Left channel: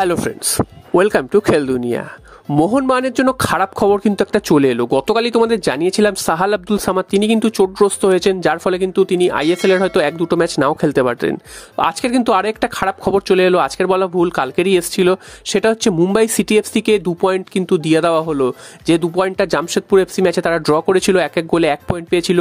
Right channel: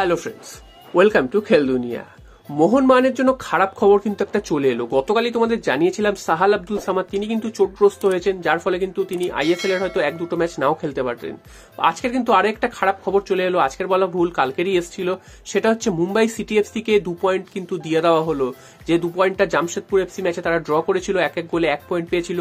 Hello friends, welcome to খেল দুনিয়া। মোহনবাগানের জন্য খারাপ খবর কিন্তু একটা চলে এলো। গতকালই তোমাদের জানিয়েছিলাম সাহাল আব্দুল সামাদ তিনি কিন্তু চোটগ্রস্ত হয়েছেন, যার ফলে কিন্তু তিনি আইএসএল এর হয়তো এক দুটো ম্যাচ নাও খেলতে পারতেন। আজকের কিন্তু আরেকটা খারাপ খবর চলে এলো। আজকের বলা ভুল, কালকেরই এসেছিল। সেটা হচ্ছে মুম্বাই সিটি এফসিকে 2 পয়েন্ট কিন্তু দিয়ে দেওয়া হলো। যে 2 পয়েন্টটা জামশেদপুর এফসি ম্যাচে তারা ড্র করেছিল, এক গোলে 1 পয়েন্ট পেয়েছিল,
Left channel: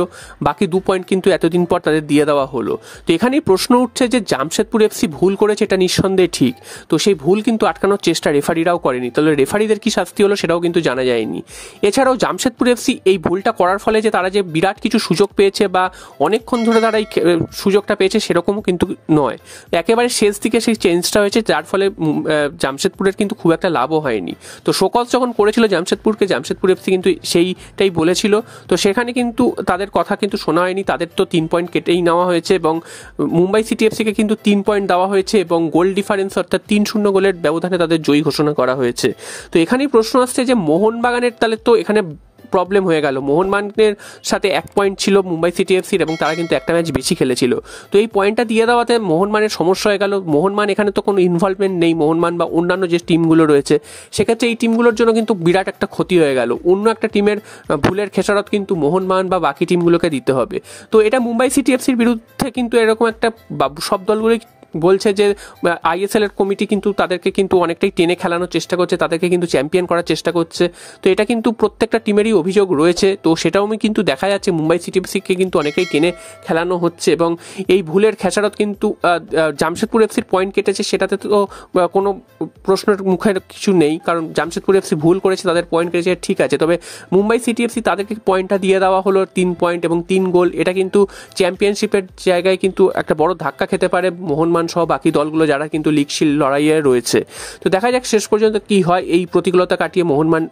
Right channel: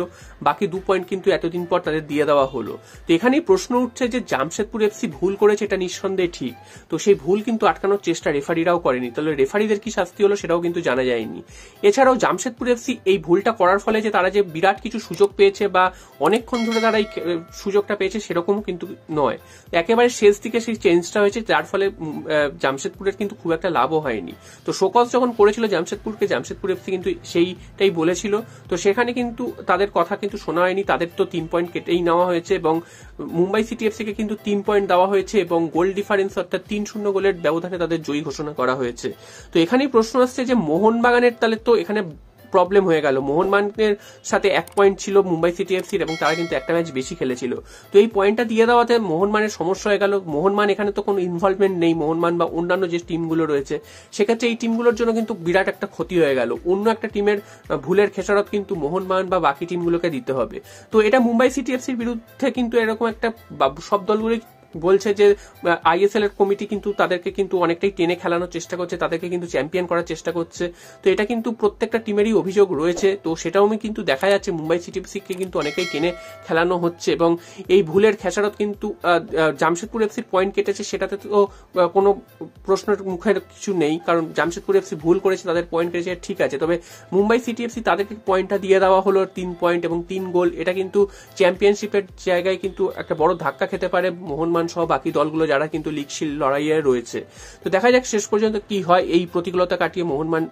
বাকি 2 পয়েন্ট কিন্তু এতদিন পর তাদের দিয়ে দেওয়া হলো। তো এখানেই প্রশ্ন উঠছে যে জামশেদপুর এফসি ভুল করেছে, এটা নিঃসন্দেহে ঠিক। তো সেই ভুল কিন্তু আটকানোর চেষ্টা রেফারিরাও করেনি, তাহলে রেফারিদের কি শাস্তি হলো সেটাও কিন্তু জানা যায়নি। এছাড়াও জামশেদপুর এফসি এই ভুলটা করার ফলে যে তারা যে বিরাট কিছু সুযোগ পেয়েছে বা অনেকক্ষণ ধরে তারা এই সুযোগটা পেয়েছে সেরকমও কিন্তু নয়। একেবারে শেষ দিকে সেই চেঞ্জটা হয়েছে, যার ফলে জামশেদপুরের কিন্তু খুব একটা লাভও হয়নি। তো শোকজ যখন করেছিল জামশেদপুরকে, জামশেদপুর এফসি কিন্তু সেইটাই বলেছিল। তো সেখানে কিন্তু তাদের কথা কিন্তু শোনা হয়নি, তাদের তো 3 পয়েন্ট কেটেই নেওয়া হয়েছে এবং মুম্বাই সিটি এফসিকে কিন্তু 3 পয়েন্ট দেওয়া হয়েছে এবং গোল ডিফারেন্স অর্থাৎ 3-0 গোলের ব্যবধানে তাদের জয়ী ঘোষণা করা হয়েছে। তো এখানেই প্রশ্ন আসছে যে মোহনবাগানের তাহলে তো এখানে প্রবলেম হয়ে গেল। মোহনবাগানের সাথে 1 পয়েন্ট ছিল মুম্বাই সিটি এফসির এবং তারা কিন্তু একটা ম্যাচ বেশি খেলেছিল। তো এই পয়েন্টটা দিয়ে দেওয়াতে মোহনবাগানের সমস্যা হয়ে গেল। মোহনবাগান এখানে তো কোনো ইনভলভমেন্ট নেই, মোহনবাগান বা অন্যান্য যে টিমগুলো রয়েছে সেক্ষেত্রে এই টিমগুলোর জন্য কিন্তু বিরাট একটা ক্ষতি হয়ে গেল। অন্য একটা টিমের ভুলের খেসারত কিন্তু মোহনবাগান বা বাকি টিমগুলোকে দিতে হবে। তো এটা মুম্বাই সিটি এফসির বিরুদ্ধে কিন্তু এরকম একটা সব দলগুলোই বলছে যে আইএসএল এর কমিটি কিন্তু তাদেরকে কিন্তু অনেকটাই টেনে খেলানোর চেষ্টা করছে, তাদেরকে কিন্তু চ্যাম্পিয়ন করার চেষ্টা করছে। তো এটা কিন্তু প্রত্যেকটা টিমেরই অভিযোগ রয়েছে। তো সেটাও কিন্তু দেখা যাচ্ছে মুম্বাই সিটি এফসিকে কিন্তু অনেকেই টেনে খেলানো হচ্ছে এবং এই ভুলের খেসারত কিন্তু জামশেদপুর এফসির পয়েন্ট কেটেছে, সেটাতে তো কোনো প্রশ্নের মুখের কিছু নেই, কারণ জামশেদপুর এফসি ভুল করেছে, তাদের পয়েন্ট কেটেছে, ঠিক আছে। তবে মুম্বাই সিটি এফসি তাদেরকে পয়েন্টটা দিয়ে দেওয়া হলো 3 পয়েন্ট এবং 3 গোল। এটা কিন্তু চ্যাম্পিয়নশিপের জায়গায় কিন্তু একটা বড় ধাক্কা খেতে পারে মোহনবাগান সহ বাকি দলগুলো যারা কিন্তু লিগ শিল্ড লড়াইয়ে রয়েছে। তো দেখা যাক শেষ পর্যন্ত কি হয়, এই প্রতিকূলতা কাটিয়ে মোহনবাগান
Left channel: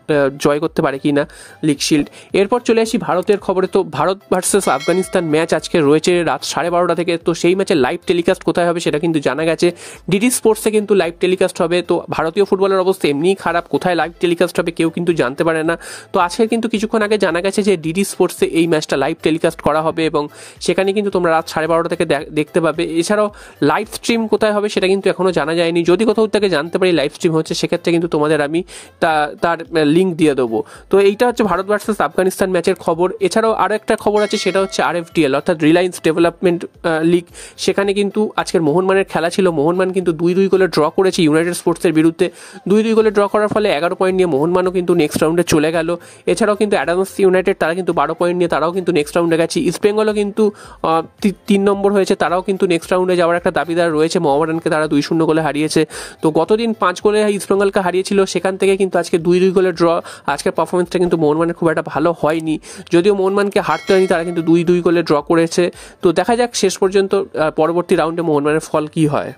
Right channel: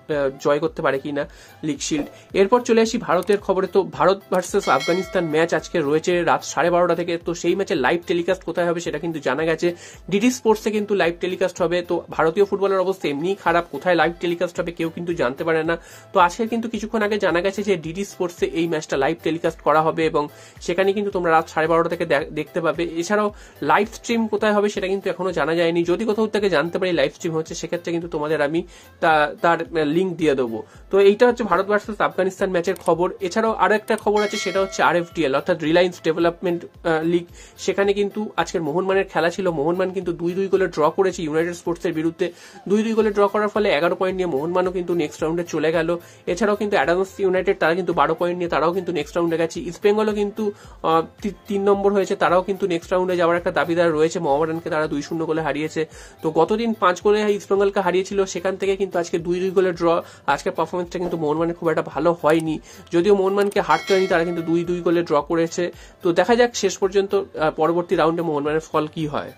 জয় করতে পারে কিনা লিগ শিল্ড। এরপর চলে আসি ভারতের খবরে। তো ভারত ভার্সেস আফগানিস্তান ম্যাচ আজকে রয়েছে রাত 12:30 থেকে। তো সেই ম্যাচের লাইভ টেলিকাস্ট কোথায় হবে সেটা কিন্তু জানা গেছে, ডিডি স্পোর্টসে কিন্তু লাইভ টেলিকাস্ট হবে। তো ভারতীয় ফুটবলের অবস্থা এমনিই খারাপ, কোথায় লাইভ টেলিকাস্ট হবে কেউ কিন্তু জানতে পারে না। তো আজকে কিন্তু কিছুক্ষণ আগে জানা গেছে যে ডিডি স্পোর্টসে এই ম্যাচটা লাইভ টেলিকাস্ট করা হবে এবং সেখানে কিন্তু তোমরা রাত 12:30 থেকে দেখতে পাবে। এছাড়াও লাইভ স্ট্রিম কোথায় হবে সেটা কিন্তু এখনো জানা যায়নি। যদি কোথাও থেকে জানতে পারি লাইভ স্ট্রিম হচ্ছে, সেক্ষেত্রে কিন্তু তোমাদের আমি তার লিঙ্ক দিয়ে দেবো। তো এইটা হচ্ছে ভারত ভার্সেস আফগানিস্তান ম্যাচের খবর। এছাড়াও আরো একটা খবর আছে, সেটা হচ্ছে আরএফডিএল অর্থাৎ রিলায়েন্স ডেভেলপমেন্ট লিগ। সেখানে কিন্তু আজকের মোহনবাগানের খেলা ছিল। মোহনবাগান কিন্তু 2-2 গোলে ড্র করেছে ইউনাইটেড স্পোর্টসের বিরুদ্ধে। 2-2 গোলে ড্র করার ফলে 11 পয়েন্ট নিয়ে মোহনবাগানও কিন্তু নেক্সট রাউন্ডে চলে গেল। এছাড়াও কিন্তু অ্যাডামস ইউনাইটেড তারা কিন্তু 12 পয়েন্ট নিয়ে তারাও কিন্তু নেক্সট রাউন্ডে গেছে। ইস্ট বেঙ্গলও কিন্তু 3 নম্বর হয়েছে, তারাও কিন্তু নেক্সট রাউন্ডে যাওয়ার একটা দাবিদার রয়েছে। মোহামেডানকে তারা 2-0 গোলে হারিয়েছে। তো গতদিন 5 গোলে ইস্ট বেঙ্গলকে হারিয়েছিল, সেখান থেকে কিন্তু আজকে 2-2 গোলে ড্র। আজকের পারফরমেন্সটা কিন্তু মোহনবাগানের খুব একটা ভালো হয়নি, যদিও মোহনবাগানকে হারতে হয়নি, তারা কিন্তু 2-2 গোলে ড্র করেছে। তো দেখা যাক শেষ পর্যন্ত পরবর্তী রাউন্ডে মোহনবাগানের ফল কি হয়।